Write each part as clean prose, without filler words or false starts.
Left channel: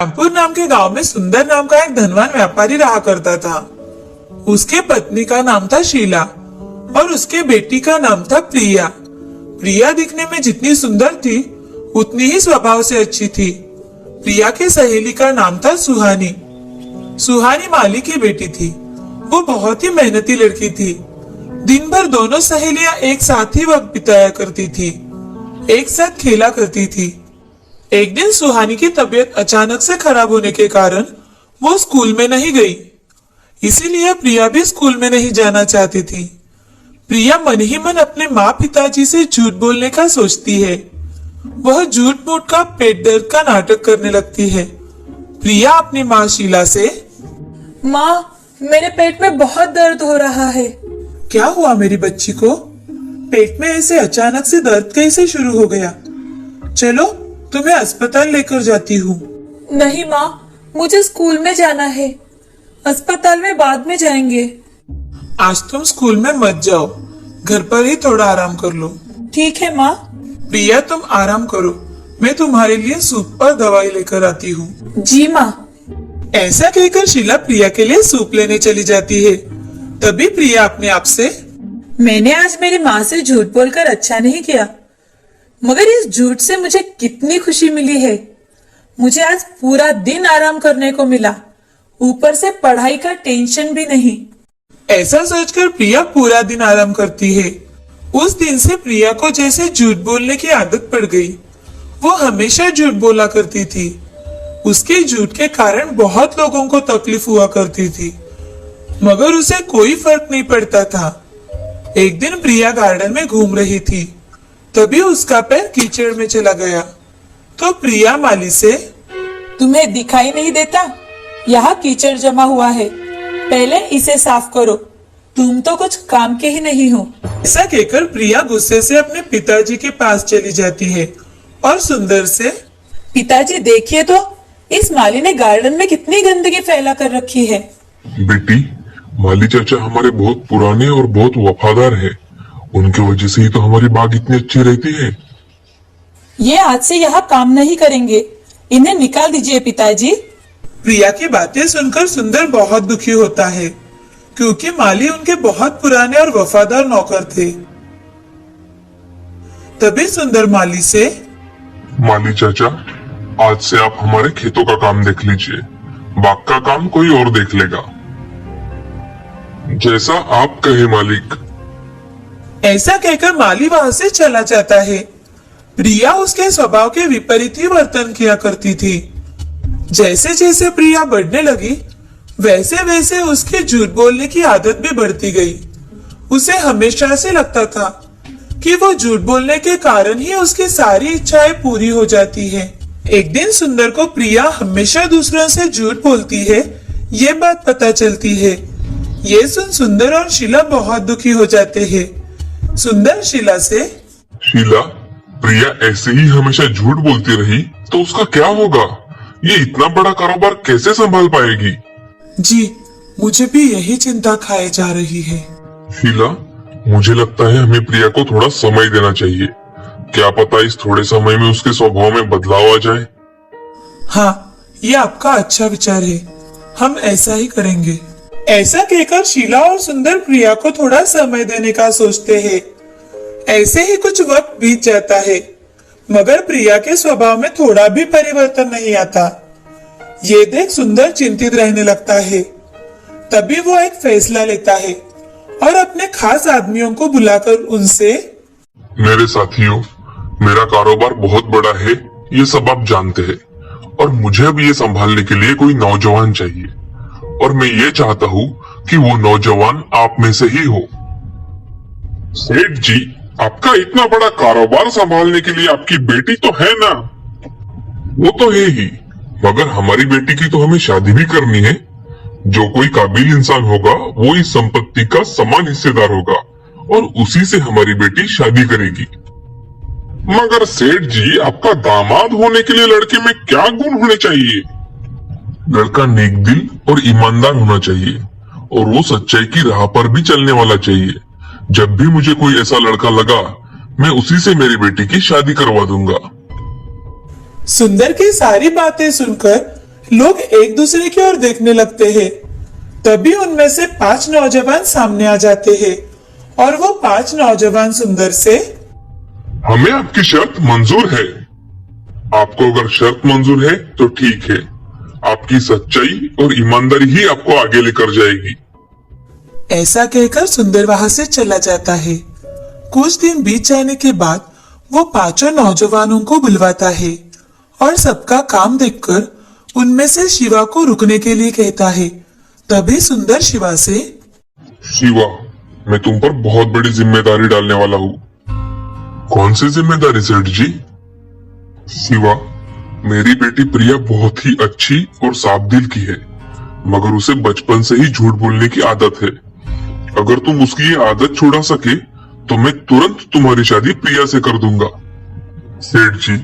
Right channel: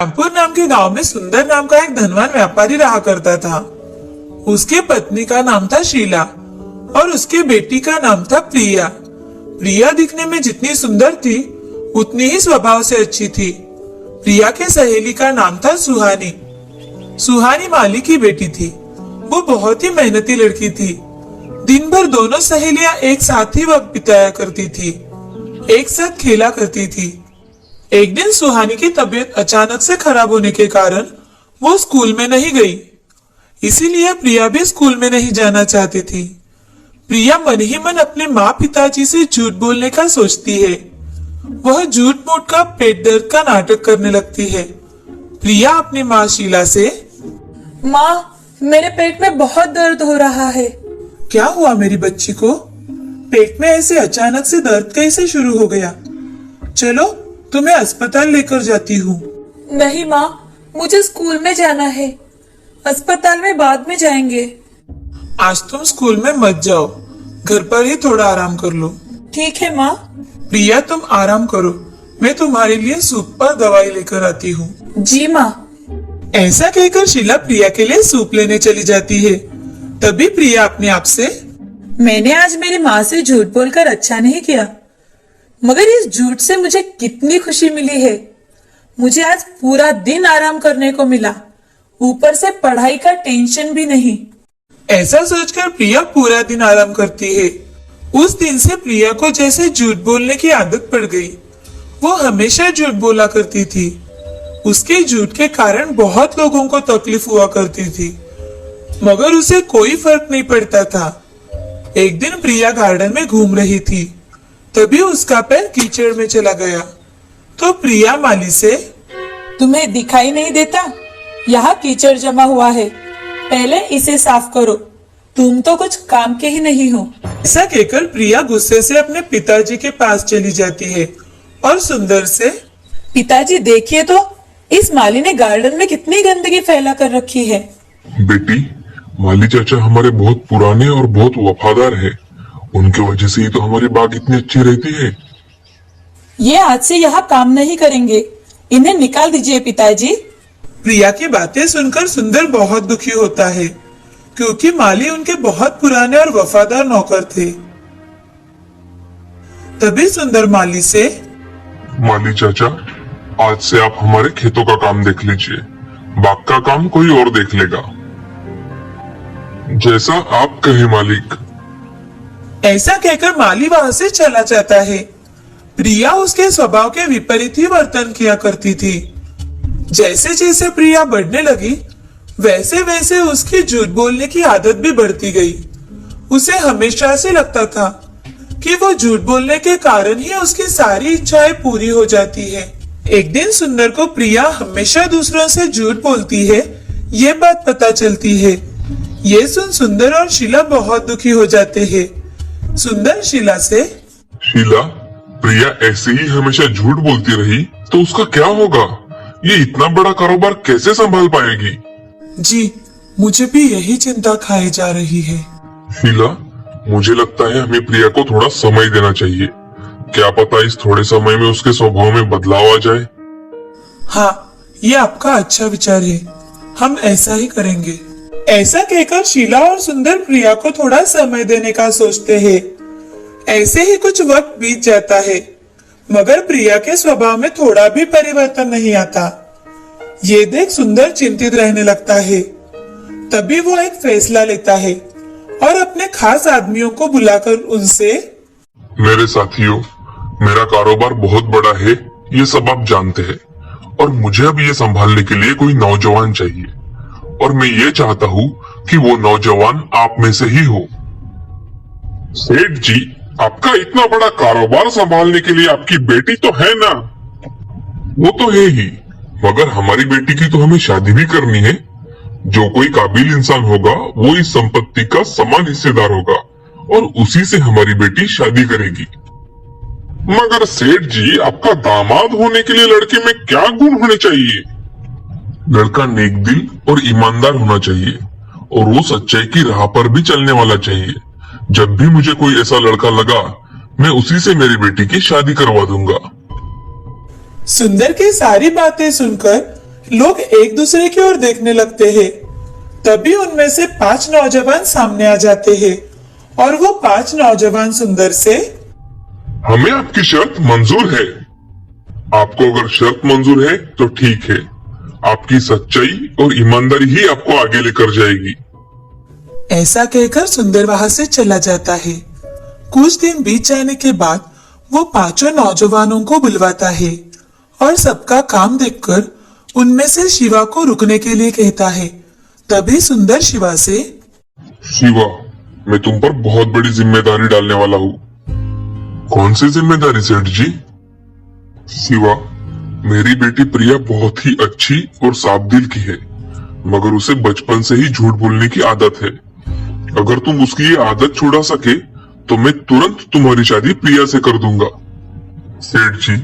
रामपुर नाम के गांव में सुंदर नाम का एक धनवान व्यापारी रहा करता था। उसकी पत्नी का नाम था शीला और उसकी बेटी का नाम था प्रिया। प्रिया दिखने में जितनी सुंदर थी उतनी ही स्वभाव से अच्छी थी। प्रिया की सहेली का नाम था सुहानी। सुहानी माली की बेटी थी। वो बहुत ही मेहनती लड़की थी। दिन भर दोनों सहेलियां एक साथ ही वक्त बिताया करती थी, एक साथ खेला करती थी। एक दिन सुहानी की तबीयत अचानक से खराब होने के कारण वो स्कूल में नहीं गई। इसीलिए प्रिया भी स्कूल में नहीं जाना चाहती थी। प्रिया मन ही मन अपने माँ पिताजी से झूठ बोलने का सोचती है। वह झूठ मूठ का पेट दर्द का नाटक करने लगती है। प्रिया अपनी माँ शीला से, माँ, मेरे पेट में बहुत दर्द हो रहा है। क्या हुआ मेरी बच्ची को? पेट में ऐसे अचानक से दर्द कैसे शुरू हो गया? चलो तुम्हें अस्पताल लेकर जाती हूँ। नहीं माँ, मुझे स्कूल में जाना है। अस्पताल में बाद में जाएंगे। आज तुम स्कूल में मत जाओ, घर पर ही थोड़ा आराम कर लो। ठीक है माँ। प्रिया तुम आराम करो, मैं तुम्हारे लिए सूप और दवाई लेकर आती हूँ। जी माँ। ऐसा कहकर शीला प्रिया के लिए सूप लेने चली जाती है। तभी प्रिया अपने आप से, मैंने आज मेरी माँ से झूठ बोलकर अच्छा नहीं किया, मगर इस झूठ से मुझे कितनी खुशी मिली है। मुझे आज पूरा दिन आराम करने को मिला, ऊपर से पढ़ाई का टेंशन भी नहीं। ऐसा सोचकर प्रिया पूरा दिन आराम करती है। उस दिन से प्रिया को जैसे झूठ बोलने की आदत पड़ गई। वो हमेशा झूठ बोला करती थी। उसके झूठ के कारण बहुत लोगों को तकलीफ हुआ करती थी, मगर उसे कोई फर्क नहीं पड़ता था। एक दिन प्रिया गार्डन में घूम रही थी, तभी उसका पैर कीचड़ में चला गया। तो प्रिया माली से, तुम्हें दिखाई नहीं देता? यहाँ कीचड़ जमा हुआ है, पहले इसे साफ करो। तुम तो कुछ काम के ही नहीं हो। ऐसा कहकर प्रिया गुस्से से अपने पिताजी के पास चली जाती है और सुंदर से, पिताजी देखिए तो, इस माली ने गार्डन में कितनी गंदगी फैला कर रखी है। बेटी, माली चाचा हमारे बहुत पुराने और बहुत वफादार है। उनकी वजह से ही तो हमारी बाग इतनी अच्छी रहती है। ये आज से यहाँ काम नहीं करेंगे, इन्हें निकाल दीजिए पिताजी। प्रिया की बातें सुनकर सुंदर बहुत दुखी होता है, क्योंकि माली उनके बहुत पुराने और वफादार नौकर थे। तभी सुंदर माली से, माली चाचा, आज से आप हमारे खेतों का काम देख लीजिए, बाग का काम कोई और देख लेगा। जैसा आप कहे मालिक। ऐसा कहकर माली वहां से चला जाता है। प्रिया उसके स्वभाव के विपरीत ही वर्तन किया करती थी। जैसे जैसे प्रिया बढ़ने लगी, वैसे वैसे उसकी झूठ बोलने की आदत भी बढ़ती गई। उसे हमेशा से लगता था कि वो झूठ बोलने के कारण ही उसकी सारी इच्छाएं पूरी हो जाती है। एक दिन सुंदर को प्रिया हमेशा दूसरों से झूठ बोलती है, ये बात पता चलती है। ये सुन सुंदर और शीला बहुत दुखी हो जाते हैं। सुंदर शीला से, शीला, प्रिया ऐसे ही हमेशा झूठ बोलती रही तो उसका क्या होगा? ये इतना बड़ा कारोबार कैसे संभाल पाएगी? जी, मुझे भी यही चिंता खाई जा रही है। शीला, मुझे लगता है हमें प्रिया को थोड़ा समय देना चाहिए। क्या पता इस थोड़े समय में उसके स्वभाव में बदलाव आ जाए। हाँ, ये आपका अच्छा विचार है, हम ऐसा ही करेंगे। ऐसा कहकर शीला और सुंदर प्रिया को थोड़ा समय देने का सोचते हैं। ऐसे ही कुछ वक्त बीत जाता है, मगर प्रिया के स्वभाव में थोड़ा भी परिवर्तन नहीं आता। ये देख सुंदर चिंतित रहने लगता है। तभी वो एक फैसला लेता है और अपने खास आदमियों को बुलाकर उनसे, मेरे साथियों, मेरा कारोबार बहुत बड़ा है, ये सब आप जानते हैं, और मुझे अब ये संभालने के लिए कोई नौजवान चाहिए, और मैं ये चाहता हूँ कि वो नौजवान आप में से ही हो। सेठ जी, आपका इतना बड़ा कारोबार संभालने के लिए आपकी बेटी तो है ना? वो तो है ही, मगर हमारी बेटी की तो हमें शादी भी करनी है। जो कोई काबिल इंसान होगा वो इस संपत्ति का समान हिस्सेदार होगा, और उसी से हमारी बेटी शादी करेगी। मगर सेठ जी, आपका दामाद होने के लिए लड़के में क्या गुण होने चाहिए? लड़का नेक दिल और ईमानदार होना चाहिए, और वो सच्चाई की राह पर भी चलने वाला चाहिए। जब भी मुझे कोई ऐसा लड़का लगा, मैं उसी से मेरी बेटी की शादी करवा दूंगा। सुंदर की सारी बातें सुनकर लोग एक दूसरे की ओर देखने लगते हैं। तभी उनमें से 5 नौजवान सामने आ जाते हैं और वो 5 नौजवान सुंदर से, हमें आपकी शर्त मंजूर है। आपको अगर शर्त मंजूर है तो ठीक है। आपकी सच्चाई और ईमानदारी ही आपको आगे लेकर जाएगी। ऐसा कहकर सुंदर वहां से चला जाता है। कुछ दिन बीत जाने के बाद वो 5 नौजवानों को बुलवाता है और सबका काम देखकर उनमें से शिवा को रुकने के लिए कहता है। तभी सुंदर शिवा से, शिवा, मैं तुम पर बहुत बड़ी जिम्मेदारी डालने वाला हूँ। कौन सी जिम्मेदारी सेठ जी? शिवा, मेरी बेटी प्रिया बहुत ही अच्छी और साफ दिल की है, मगर उसे बचपन से ही झूठ बोलने की आदत है। अगर तुम उसकी ये आदत छुड़ा सके तो मैं तुरंत तुम्हारी शादी प्रिया से कर दूंगा। सेठ जी,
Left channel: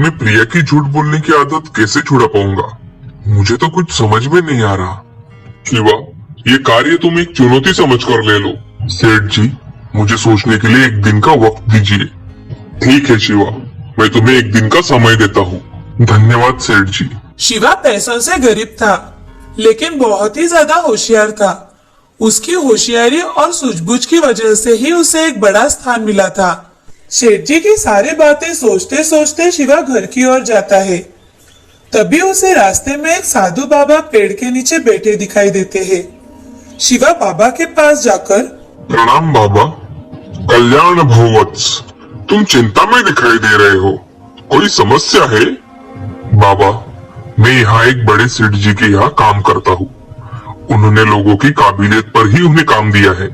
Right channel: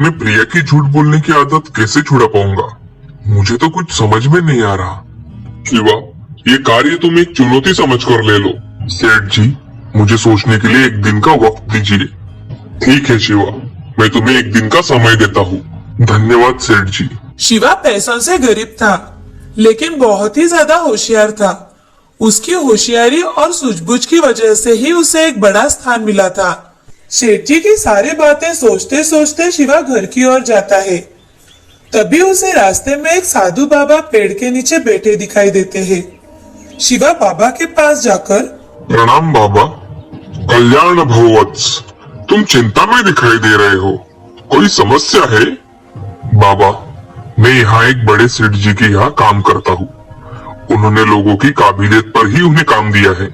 मैं प्रिया की झूठ बोलने की आदत कैसे छुड़ा पाऊंगा? मुझे तो कुछ समझ में नहीं आ रहा। शिवा, ये कार्य तुम एक चुनौती समझकर ले लो। सेठ जी, मुझे सोचने के लिए एक दिन का वक्त दीजिए। ठीक है शिवा, मैं तुम्हें एक दिन का समय देता हूँ। धन्यवाद सेठ जी। शिवा पैसों से गरीब था, लेकिन बहुत ही ज्यादा होशियार था। उसकी होशियारी और सूझबूझ की वजह से ही उसे एक बड़ा स्थान मिला था। सेठ जी की सारी बातें सोचते सोचते शिवा घर की ओर जाता है। तभी उसे रास्ते में एक साधु बाबा पेड़ के नीचे बैठे दिखाई देते हैं। शिवा बाबा के पास जाकर, प्रणाम बाबा। कल्याण भववत्स, तुम चिंता में दिखाई दे रहे हो, कोई समस्या है? बाबा, मैं यहाँ एक बड़े सेठ जी के यहाँ काम करता हूँ। उन्होंने लोगों की काबिलियत पर ही उन्हें काम दिया है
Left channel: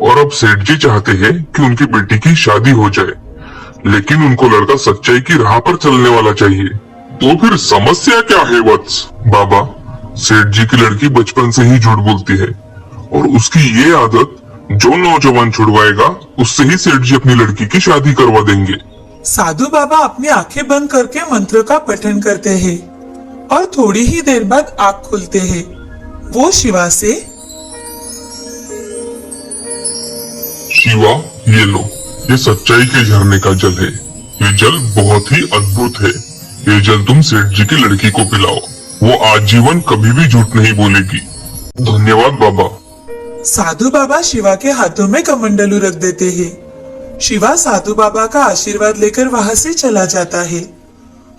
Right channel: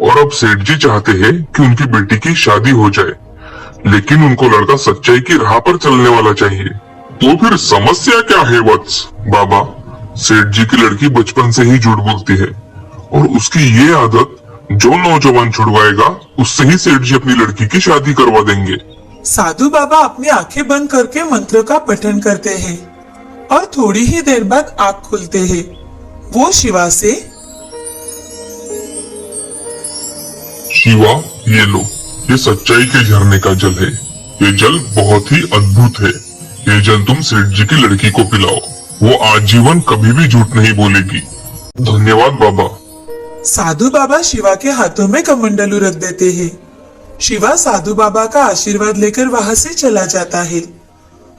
और अब सेठ जी चाहते हैं कि उनकी बेटी की शादी हो जाए, लेकिन उनको लड़का सच्चाई की राह पर चलने वाला चाहिए। तो फिर समस्या क्या है वत्स? बाबा, सेठ जी की लड़की बचपन से ही झूठ बोलती है और उसकी ये आदत जो नौजवान छुड़वाएगा उससे ही सेठ जी अपनी लड़की की शादी करवा देंगे। साधु बाबा अपनी आंखें बंद करके मंत्र का पठन करते हैं और थोड़ी ही देर बाद आंख खुलते हैं। वो शिवा से, शिवा, ये लो, ये सच्चाई के झरने का जल है। ये जल बहुत ही अद्भुत है। ये जल तुम सेठ जी की लड़की को पिलाओ, वो आजीवन कभी भी झूठ नहीं बोलेगी। धन्यवाद बाबा। साधु बाबा शिवा के हाथों में कमंडलू रख देते हैं। शिवा साधु बाबा का आशीर्वाद लेकर वहां से चला जाता है।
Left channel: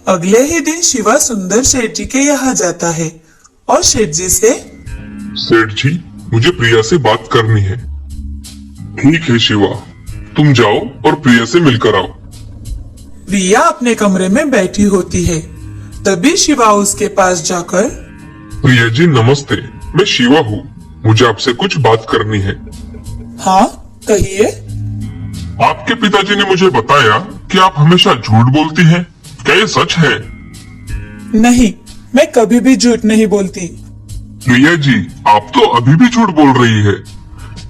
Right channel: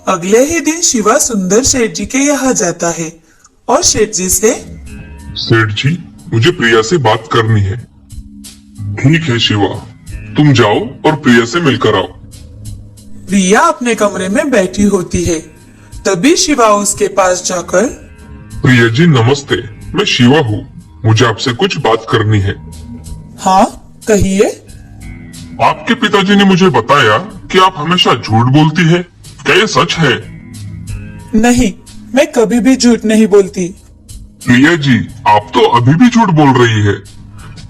अगले ही दिन शिवा सुंदर सेठ जी के यहाँ जाता है और सेठ जी से, सेठ जी, मुझे प्रिया से बात करनी है। ठीक है शिवा, तुम जाओ और प्रिया से मिलकर आओ। प्रिया अपने कमरे में बैठी होती है। तभी शिवा उसके पास जाकर, प्रिया जी नमस्ते, मैं शिवा हूँ, मुझे आपसे कुछ बात करनी है। हाँ कहिए। आपके पिताजी ने मुझे बताया कि आप हमेशा झूठ बोलती हैं, क्या ये सच है? नहीं, मैं कभी भी झूठ नहीं बोलती। प्रिया जी, आप तो अभी भी झूठ बोल रही है।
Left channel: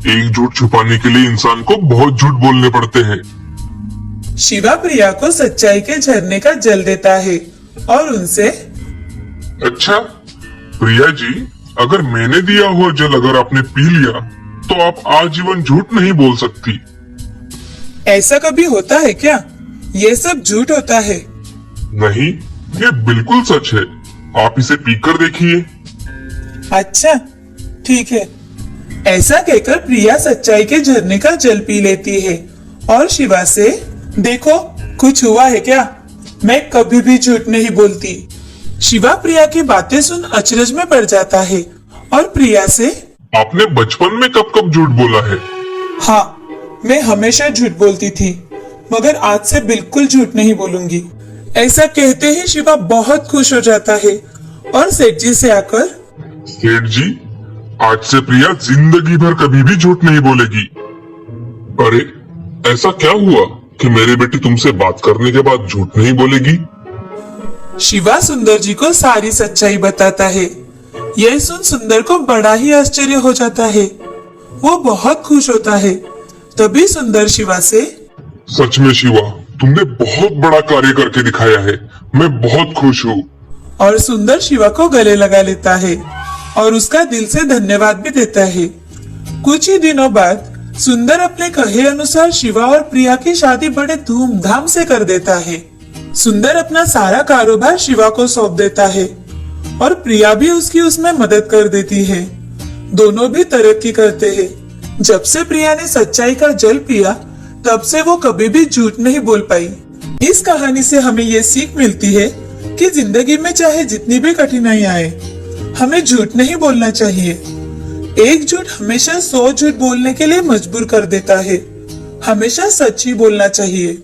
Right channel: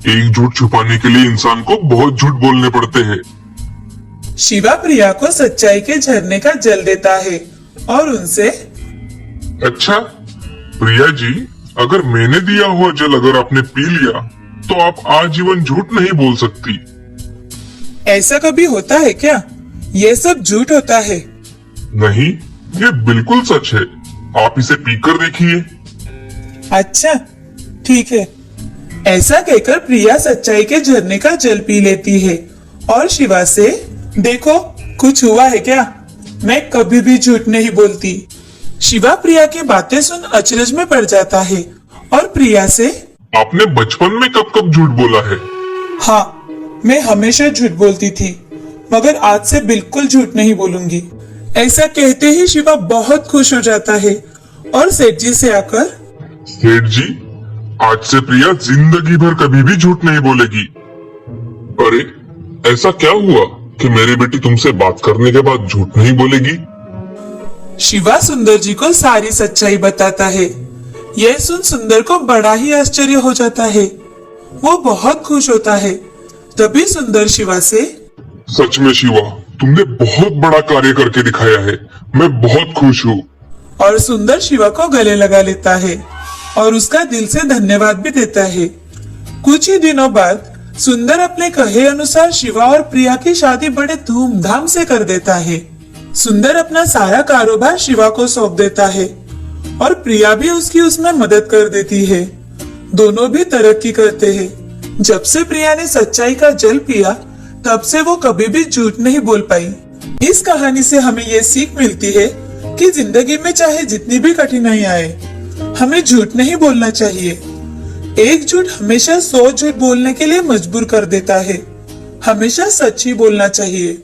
एक झूठ छुपाने के लिए इंसान को बहुत झूठ बोलने पड़ते हैं। शिवा प्रिया को सच्चाई के झरने का जल देता है और उनसे, अच्छा प्रिया जी, अगर मैंने दिया हुआ जल अगर आपने पी लिया तो आप आजीवन झूठ नहीं बोल सकती। ऐसा कभी होता है क्या? ये सब झूठ होता है। नहीं, ये बिल्कुल सच है। आप इसे पीकर देखिए। अच्छा ठीक है। ऐसा कहकर प्रिया सच्चाई के झरने का जल पी लेती है और शिवा से, देखो कुछ हुआ है क्या? मैं कभी भी झूठ नहीं बोलती। शिवा प्रिया की बातें सुन अचरज में पड़ जाता है और प्रिया से, आपने बचपन में कब कब झूठ बोला है? हाँ, मैं हमेशा झूठ बोलती थी, मगर आज से बिल्कुल झूठ नहीं बोलूंगी। ऐसा कहते ही शिवा बहुत खुश हो जाता है और सेठ जी से आकर, सेठ जी, आज से प्रिया जिंदगी भर कभी भी झूठ नहीं बोलेगी। अरे ऐसा क्या हुआ कि मेरी बेटी तुमसे बात करने के बाद झूठ नहीं बोलेगी? शिवा सुंदर जी को सारी सच्चाई बताता है। यह सुन सुंदर को बड़ा ही आश्चर्य हो जाता है। वो बहुत खुश होता है। तभी सुंदर शिवा से, सच में शिवा, तुमने बहुत बड़ा कार्य करके दिखाया है, मैं बहुत खुश हूँ। और सुंदर शिवा को गले लगा लेता है और उसका दिल से धन्यवाद भी देता है। कुछ ही दिनों बाद सुंदर अपने कहे अनुसार शिवा और प्रिया की शादी बड़े धूमधाम से कर देता है। सुंदर अपना सारा कारोबार शिवा को सौंप देता है और प्रिया भी उसकी उसमें मदद कर देती है। दोनों भी तरक्की करते हैं। जब से प्रिया ने सच्चाई का जल पिया, तब से वो कभी भी झूठ नहीं बोल पाई। इस कहानी से हमें ये सीख मिलती है कि जिंदगी में चाहे जितनी भी कठिनाई आए, हमें झूठ नहीं बोलना चाहिए। एक झूठ हमेशा 100 झूठ बोलने के लिए मजबूर कर देता है। हमेशा सच्ची बोलना चाहिए।